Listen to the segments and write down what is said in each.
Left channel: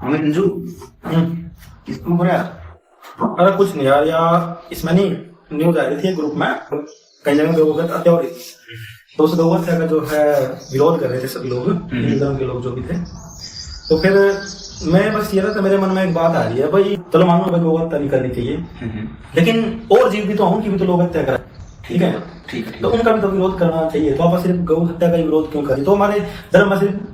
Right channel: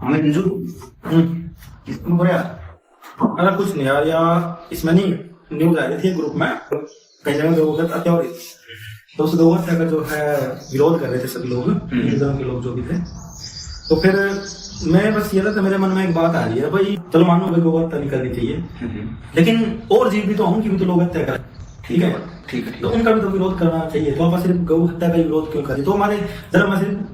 हाँ मैं अंजू किसको बोल रहा? अरे कुछ नहीं यार, यार इसमें नहीं न्यूज आ रही थी ग्रुप में, कई जगह लोगों की हत्या हो रही थी, तो उस गौ हत्या का जो है विरोध कर रहे थे सब लोग, धर्म के लोग जो भी थे। तो फिर मैं बस ये था, मेरे मन में एक बात आ रही है, भाई चलो मान लो भाई गौ हत्या नहीं करनी चाहिए, लेकिन और जीव भी तो उनकी भी तो लोग हत्या करें, ठीक है ठीक है। तो उनका भी तो विरोध करना चाहिए। तो आप सिर्फ गौ हत्या का ही विरोध क्यों करें? तो हमारे धर्म में सिर्फ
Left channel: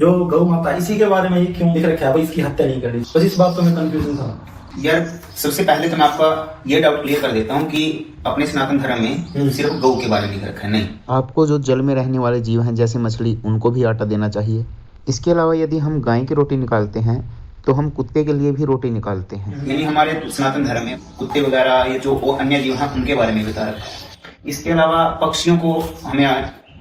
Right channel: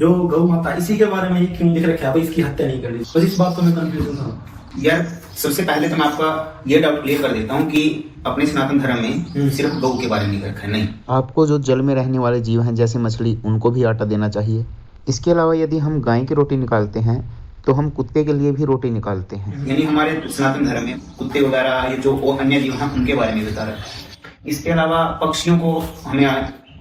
जो गौ माता इसी के बारे में ही क्यों लिख रखा है भाई इसकी हत्या नहीं करनी? बस इस बात तो मैं कंफ्यूजन था यार सबसे पहले तो मैं आपका ये डाउट क्लियर कर देता हूँ कि अपने सनातन धर्म में सिर्फ गौ के बारे में लिख रखा है, नहीं। आपको जो जल में रहने वाले जीव हैं जैसे मछली, उनको भी आटा देना चाहिए। इसके अलावा यदि हम गाय की रोटी निकालते हैं तो हम कुत्ते के लिए भी रोटी निकालते हैं। यानी हमारे सनातन धर्म में कुत्ते वगैरह ये जो अन्य जीव हैं उनके बारे में बता रखा है। इसके अलावा पक्षियों को हमें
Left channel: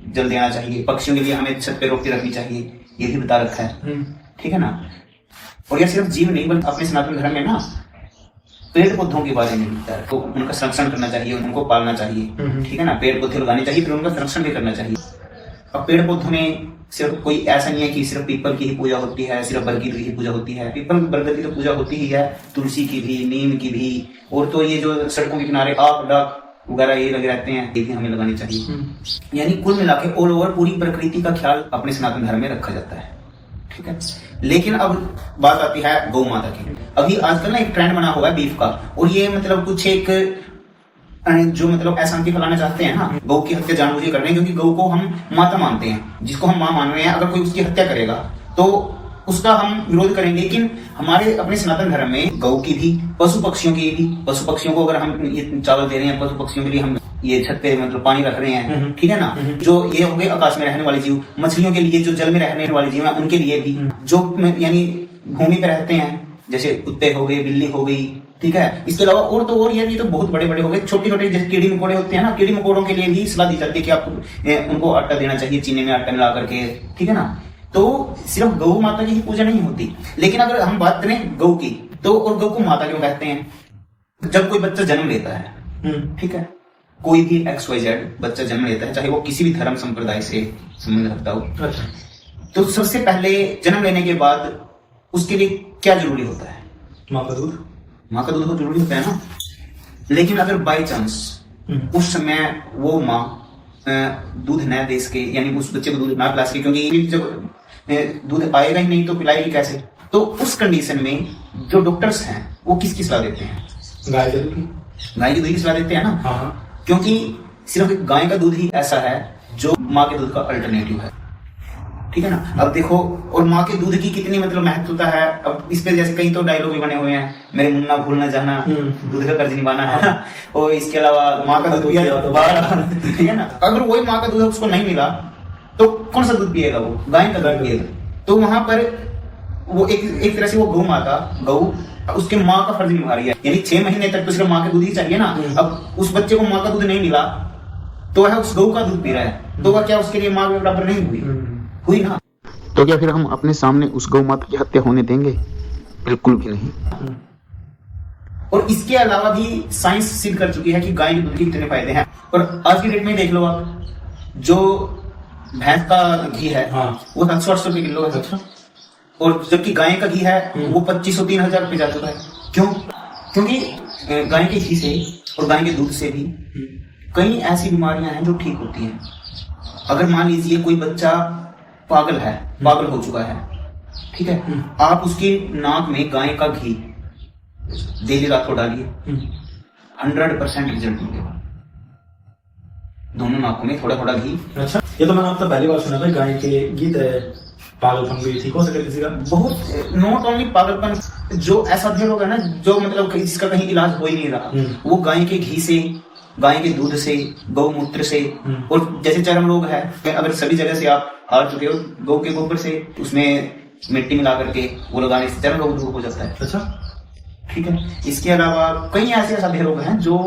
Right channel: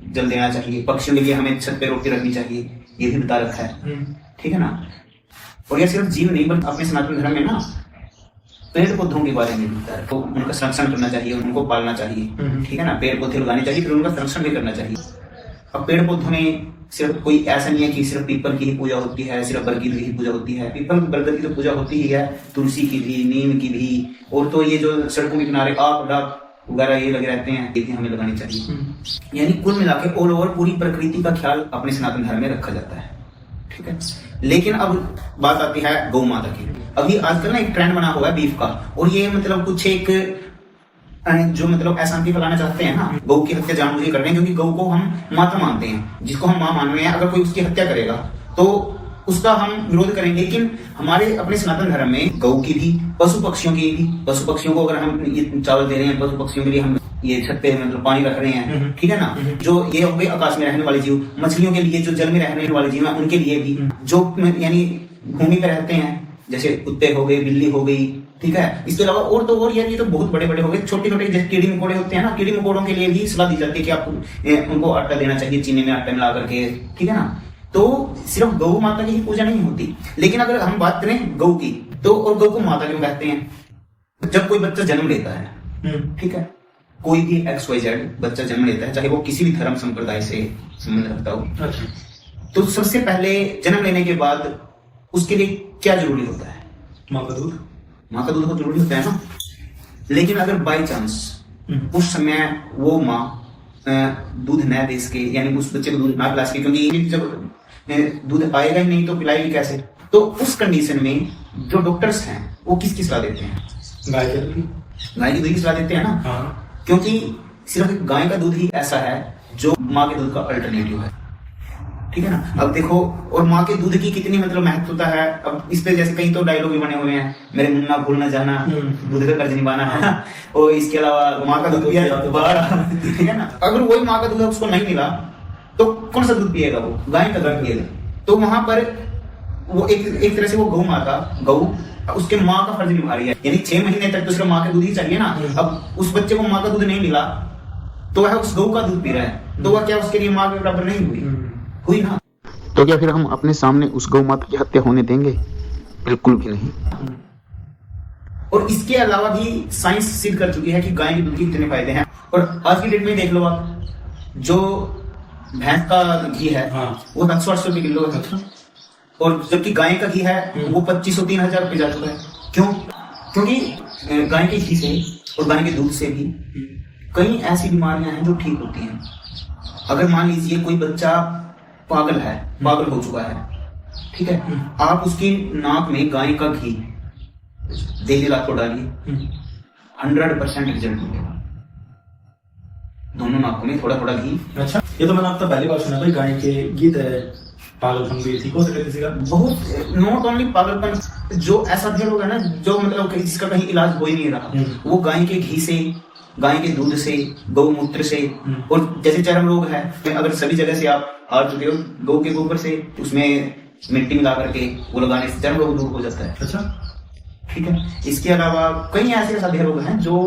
जल देना चाहिए, पक्षियों के लिए हमें छत पे रोटी रखनी चाहिए, ये भी बता रखा है, ठीक है ना। और यह सिर्फ जीव नहीं बल्कि अपने सनातन धर्म में ना पेड़ पौधों के बारे में बता है, तो उनका संरक्षण करना चाहिए, उनको पालना चाहिए, ठीक है ना। पेड़ पौधे लगाने चाहिए, फिर उनका संरक्षण भी करना चाहिए। अब पेड़ पौधों में सिर्फ कोई ऐसा नहीं है कि सिर्फ पीपल की ही पूजा होती है, सिर्फ बरगद की ही पूजा होती है। पीपल बरगद की तो पूजा होती ही है, तुलसी की भी, नीम की भी, और तो ये जो सड़कों के किनारे आक डाक वगैरह ये लगे रहते हैं, ये भी हमें लगानी चाहिए। यानी कुल मिला के ऑल ओवर पूरी प्रकृति का ख्याल अपने सनातन धर्म में रखा जाता है, ठीक है। लेकिन अब बात आती है गौ माता की। अभी आजकल ना एक ट्रेंड बना हुआ है बीफ का, और ये मतलब कुछ एक जो मतलब अशांति फैलाना चाहते हैं ना, गौ की हत्या जानबूझ कर रहे हैं, क्योंकि गौ को हम माता मानते हैं, जिसको हम मां मान रहे हैं। अगर कोई उसकी हत्या करेगा तो उसका हम विरोध करेंगे। लेकिन हमारे अपने सनातन धर्म में गौ की भी, पशु पक्षियों की भी, पशु पक्षियों को अगर हम ये चावल दे रहे हैं, पशु पक्षियों के लिए हम ये छत पे मतलब पानी रख रहे हैं, ठीक है ना। जो ये हो गए आकाश में रहने वाले जीव, मछलियों के लिए जो जल में रहने वाले जीव हैं उनके लिए भी, जो यानी भूमि पे रहते हैं जैसे कुत्ते हो गए, बिल्ली हो गई, ठीक है। इसके अलावा और तो और ये तो बहुत बड़े बड़े हो गए, छोटे छोटे जैसे कीड़ी मकोड़े होते हैं ना, कीड़ी मकोड़ों के लिए भी सलाह दी जाती है कि आपको उनको आटा देना चाहिए, चीनी में आटा मिला करके, ठीक है ना। तो सिर्फ गौ माता की ही पूजा नहीं होती। लेकिन अगर हम बात करें गौ की, तो और गौ को माता क्यों कहते हैं? जब कोई बच्चा जन्म लेता है, ठीक है, कोई भी XYZ बच्चा जन्म लेता है, चाहे वो किसी भी धर्म संप्रदाय से संबंध रखता हो, तो सबसे पहले जन्म लेने के बाद उसके लिए क्या जरूरी होता है? माँ का दूध। माँ का दूध तो जरूरी होता है ना। लेकिन अगर बाई चांस उस समय वो माँ दूध न दे सके, यानी उस बच्चे को दूध ना पिला सके, क्योंकि जब दूध आएगा ही नहीं तो पिलाएगी कैसे? तो उस कंडीशन में जो डॉक्टर्स हैं वो किसकी सलाह देते हैं? गाय के दूध की। गाय के दूध की सलाह देते हैं ना। हाँ। क्योंकि सिर्फ गाय का दूध ही ऐसा है जो माँ के दूध का अल्टरनेटिव है, ठीक है ना। अब देखो, और माँ के दूध की कितनी मतलब महत्वता है। अब इस पे जैसे कई तो डायलॉग भी बने हुए हैं, मेरे मुन्ना भूल न जाना, दूध का कर्ज निभाना है। और इसके अलावा माँ का दूध पिया बाहर, ठीक है ना। अगर वही माँ का दूध उसको नहीं मिला तो कौन सा दूध पिएगा? वो गाय का दूध पिएगा। तो वहां पर वो एक तरह से वो गौ माता, गौ उसके माँ का फर्ज निभा रही है। यानी 6 महीने तक तो सिर्फ माँ का दूध ही चाहिए ना। अब उस बच्चे को माँ का दूध नहीं मिला तो वह उस गौ का दूध पी रहा है, तो वह क्या उसके लिए माँ के बराबर नहीं हुई? हुई ना। तो क्या फिर हम अपने सामने उस गौ माता की हत्या होने देंगे? बिल्कुल भी नहीं। और इसके अलावा भी साइंस सिद्ध कर चुकी है कि गाय के दूध के कितने फायदे हैं। और आज की डेट में देख लो आप, जो भैंस का घी है, हाँ, वो 700-800 रुपए किलो है। अच्छा। और जबकि गाय का घी है वो 2500-3000 रुपए जा चुका है। क्यों? क्योंकि गाय के घी से और गाय के दूध से भी कई ऐसी बीमारियां हैं जो ठीक होती हैं। अगर मान लीजिए कोई बच्चा पागल है, पागल हो चुका है, ठीक है, आप उसकी नाक में गाय का घी डेली रात को डालिए, 100% रिजल्ट मिलेगा। दोनों नाकों में थोड़ा थोड़ा घी। अच्छा, ये तो मैंने आपसे पहली बार सुना भाई, गाय के गीत है पागलपन भी ठीक हो सके किसी का। बहुत नॉट ओनली पागलपन, जो ऐसा भी होगा ना जो मतलब जिसका कहीं इलाज हो ही नहीं रहा, वो गाय के घी से, गाय के दूध से, गौमूत्र से। और जैसे चर्म रोग है, अगर सभी जगह से आप आ चुके हो, गौ के गोबर से उसमें मिट्टी मिला करके वो लगाने से चर्म रोग दूर हो जाता है। अच्छा, ठीक है। इसके अलावा कई ऐसे साधे रोग हैं जो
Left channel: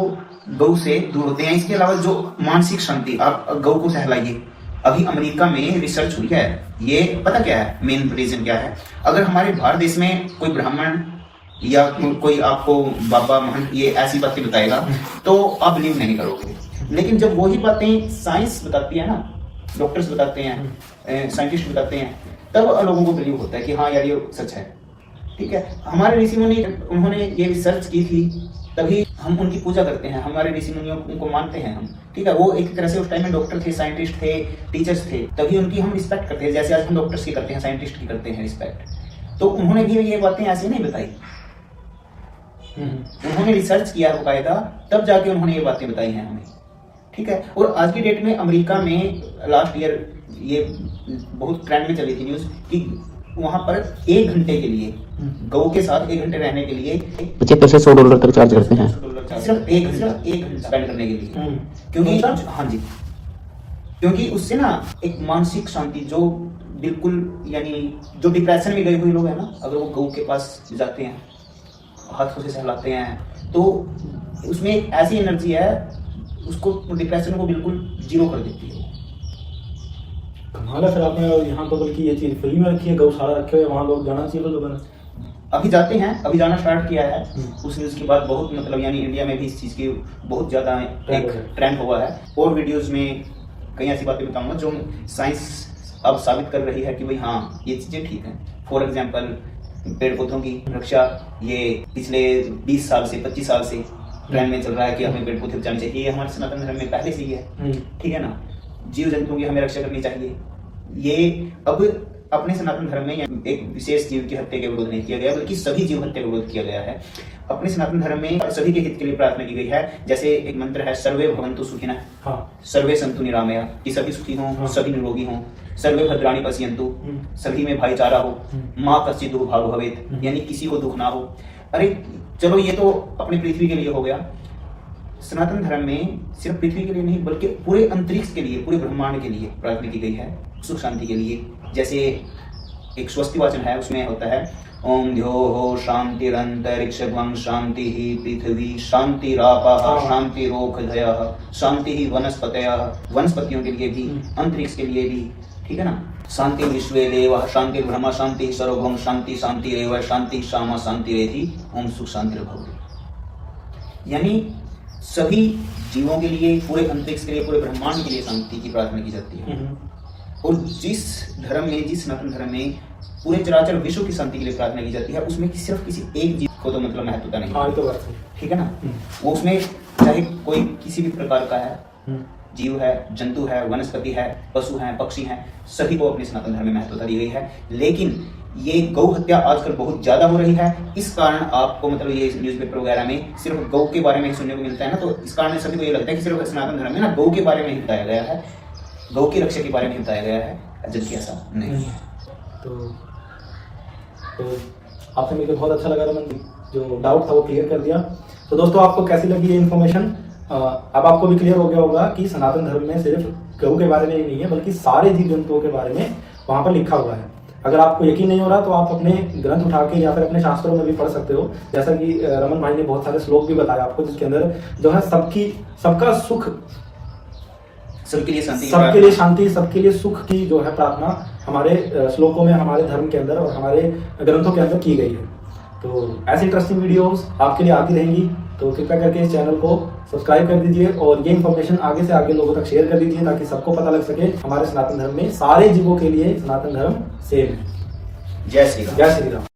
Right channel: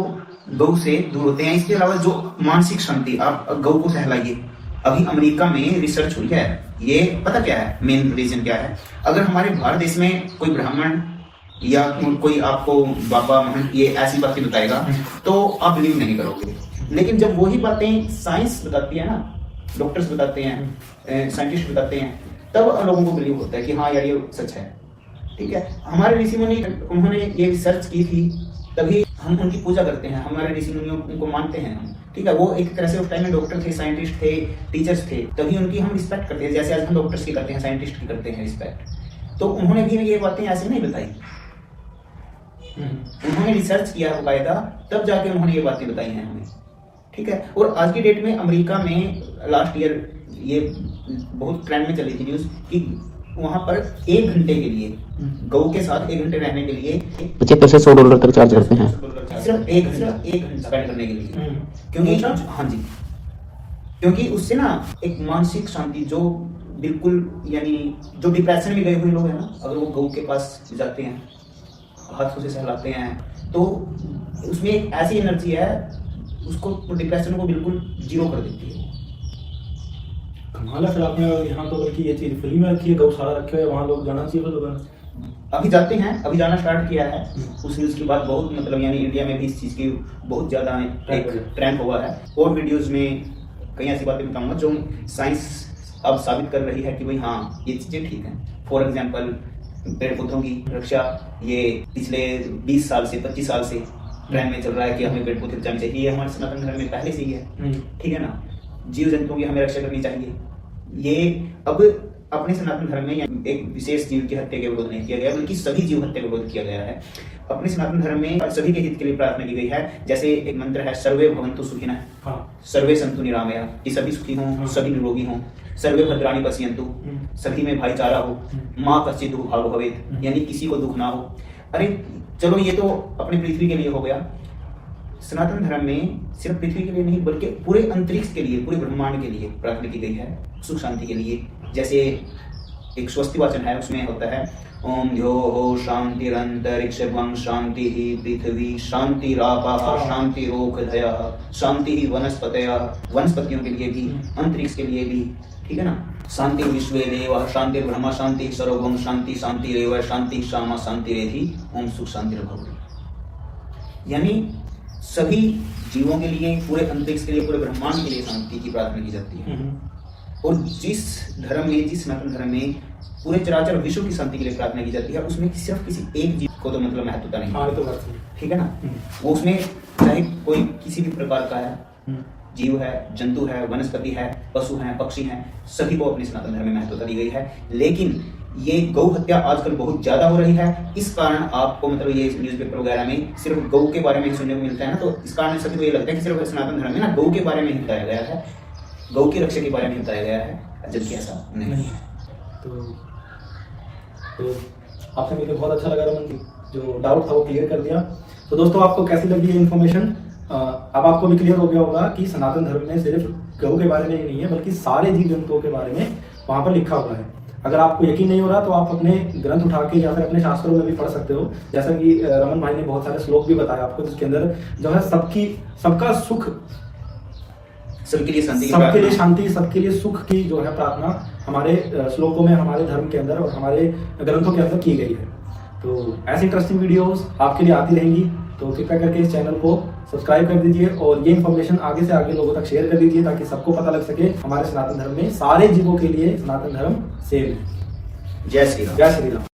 गौ से दूर होते हैं। इसके अलावा जो मानसिक शांति, आप गौ को सहलाइए। अभी अमेरिका में रिसर्च हुई है, ये पता क्या है मेन रीजन क्या है? अगर हमारे भारत देश में कोई ब्राह्मण या कोई आपको बाबा महंत ये ऐसी बातें बताएगा तो आप बिलीव नहीं करोगे। लेकिन जब वही बातें साइंस बताती है ना, डॉक्टर्स बताते हैं, साइंटिस्ट बताते हैं, तब लोगों को बिलीव होता है कि हाँ यार ये सच है। ठीक है, हमारे ऋषि मुनि उन्होंने ये रिसर्च की थी, तभी हम उनकी पूजा करते हैं, हमारे ऋषि मुनियों उनको मानते हैं हम, ठीक है। वो एक तरह से उस टाइम में डॉक्टर थे, साइंटिस्ट थे, टीचर्स थे, तभी उनकी हम रिस्पेक्ट करते हैं, जैसे आज हम डॉक्टर्स की करते हैं, साइंटिस्ट की करते हैं रिस्पेक्ट। तो उन्होंने भी ये बातें ऐसे नहीं बताई, उन्होंने रिसर्च किया बकायदा, तब जाके उन्होंने ये बातें बताई हैं हमें, ठीक है। और आज की डेट में अमेरिका में लास्ट ईयर ये बहुत ट्रेंड में चली थी न्यूज कि वहां पर 1 घंटे के लिए गऊ के साथ 1 घंटे रहने के लिए $75 से $100 तक चार्ज करते हैं, सिर्फ 1 घंटा स्पेंड करने के लिए, क्योंकि हाँ जी, क्योंकि उससे ना एक मानसिक शांति, जो बिल्कुल यानी जो डिप्रेशन में गए हुए लोग हैं ना, अगर वो गऊ के पास जाते हैं, हाथों से सहलाते हैं, तो उसमें एक ऐसी एनर्जी है, उसको डिप्रेशन को बिल्कुल जीरो कर देती है। कमाल है। फिर आपने यहाँ तो बल्कि ये चीज फ्री में रखी है, गौशाला रखे हुए, वहाँ लोग जाना चाहिए लोगों ने। अभी जाते हैं, अभी जाना स्टार्ट किया है। उस न्यूज के बाद बहुत मतलब यानी इंडिया में भी इस चीज की बहुत ज्यादा एक ट्रेंड हुआ है। और वीडियोस में कई ऐसी बातें बताऊंगा जो साइंस अब साबित कर रही है कि भाई हाँ ये चीजें ठीक है। फॉर एग्जाम्पल पेड़ पौधों की रक्षा, ये पिछले 20 साल से 25 साल से ट्रेंड में चल रहा है कि हमें पेड़ पौधे बचाने चाहिए, ये हमारे सनातन धर्म में पहले से ही है, ठीक है ना। जीव जंतुओं की हमें रक्षा करनी चाहिए। ये अब अपने सनातन धर्म में एक विशेष जीव की हत्या के विरोध नहीं किया गया, बल्कि सभी जीव हत्या का विरोध किया गया है। अपने सनातन धर्म में सभी के हित के लिए प्रार्थना की गई है। जैसे एक मंत्र है, सर्वे भवन्तु सुखिनः, सर्वे सन्तु निरामया, कि सभी सुखी हों, सभी निरोगी हों, सर्वे भद्राणि पश्यन्तु, सभी में भाईचारा हो, माँ कश्चित् दुर्भाग्यो भवेत्, यानी किसी को दुख ना हो। अरे चलो ये तो अपनी पृथ्वी के लिए हो गया। सनातन धर्म में सिर्फ पृथ्वी के लिए नहीं बल्कि पूरे अंतरिक्ष के लिए, पूरे ब्रह्मांड के लिए प्रार्थना की गई है, सुख शांति के लिए। जैसे एक स्वस्ति वाचन है, उसमें होता है ओम ध्यो हो शांतिरंतरिक्षं शांति ही पृथ्वी शांतिरापः शांतिरोषधयः शांति ही वनस्पतयः, वनस्पतियों के लिए भी, अंतरिक्ष के लिए भी, ठीक है ना। शांति विश्वे देवः शांतिर्ब्रह्म शांति सर्वभौम शांति शांतिरेव शांति शामा शांतिरेधि ओम सुख शांतिर्भवतु। यानी सभी जीवों के लिए, पूरे अंतरिक्ष के लिए, पूरे ब्रह्मांड के लिए शांति की प्रार्थना की जाती है। और जिस धर्म में, जिस सनातन धर्म में पूरे चराचर विश्व की शांति के लिए प्रार्थना की जाती है, उसमें सिर्फ किसी एक जीव को तो मतलब महत्वता नहीं, ठीक है ना। वो उसमें चाहे कोई किसी भी प्रकार का है, जीव है, जंतु है, वनस्पति है, पशु है, पक्षी हैं, सभी को अपने सनातन धर्म में महत्वता दी गई है। लेकिन ये गौ हत्या आजकल बहुत ज्यादा हो रही है। इस कारण आपको मतलब ये न्यूज़पेपर वगैरह में सिर्फ गौ के बारे में ही सुनने को मिलता है ना, तो इस कारण सभी को ये लगता है कि सिर्फ सनातन धर्म में ना गौ के बारे में ही बताया गया है, गौ की रक्षा के बारे में बताया गया है, जबकि ऐसा नहीं है। तो आपसे मिलकर बहुत अच्छा लगा रमन जी, जो डाउट था वो क्लियर कर दिया। तो दोस्तों आपको कैसी लगी ये इन्फॉर्मेशन? अब आपको भी क्लियर हो गया होगा कि सनातन धर्म में सिर्फ गौ के बारे में ही नहीं है बल्कि सारे जीव जंतुओं के बारे में वहां पर लिखा हुआ है। अगर आपको यकीन नहीं हो रहा तो आप अपने ग्रंथ उठा के या फिर अपने शास्त्रों में भी पढ़ सकते हो। जैसा कि रमन भाई ने बहुत सारे श्लोक भी बताया आपको, जिसके अंदर जो है सबका सुख, सबके लिए शांति, सबके लिए सुख की जो है प्रार्थना हमारे श्लोकों में, हमारे धर्म के अंदर और हमारे ग्रंथों के अंदर की गई है। तो ऐसी इंटरेस्टिंग वीडियोस आपके लिए आती रहेंगी, तो कृपया करके इस चैनल को सब्सक्राइब कर दीजिए और ये इन्फॉर्मेशन आगे से आगे लोगों तक शेयर कर दीजिए, ताकि सबको पता लग सके हमारे सनातन धर्म में सारे जीवों के लिए सनातन धर्म सेम है। जय श्री राम। जय श्री राम।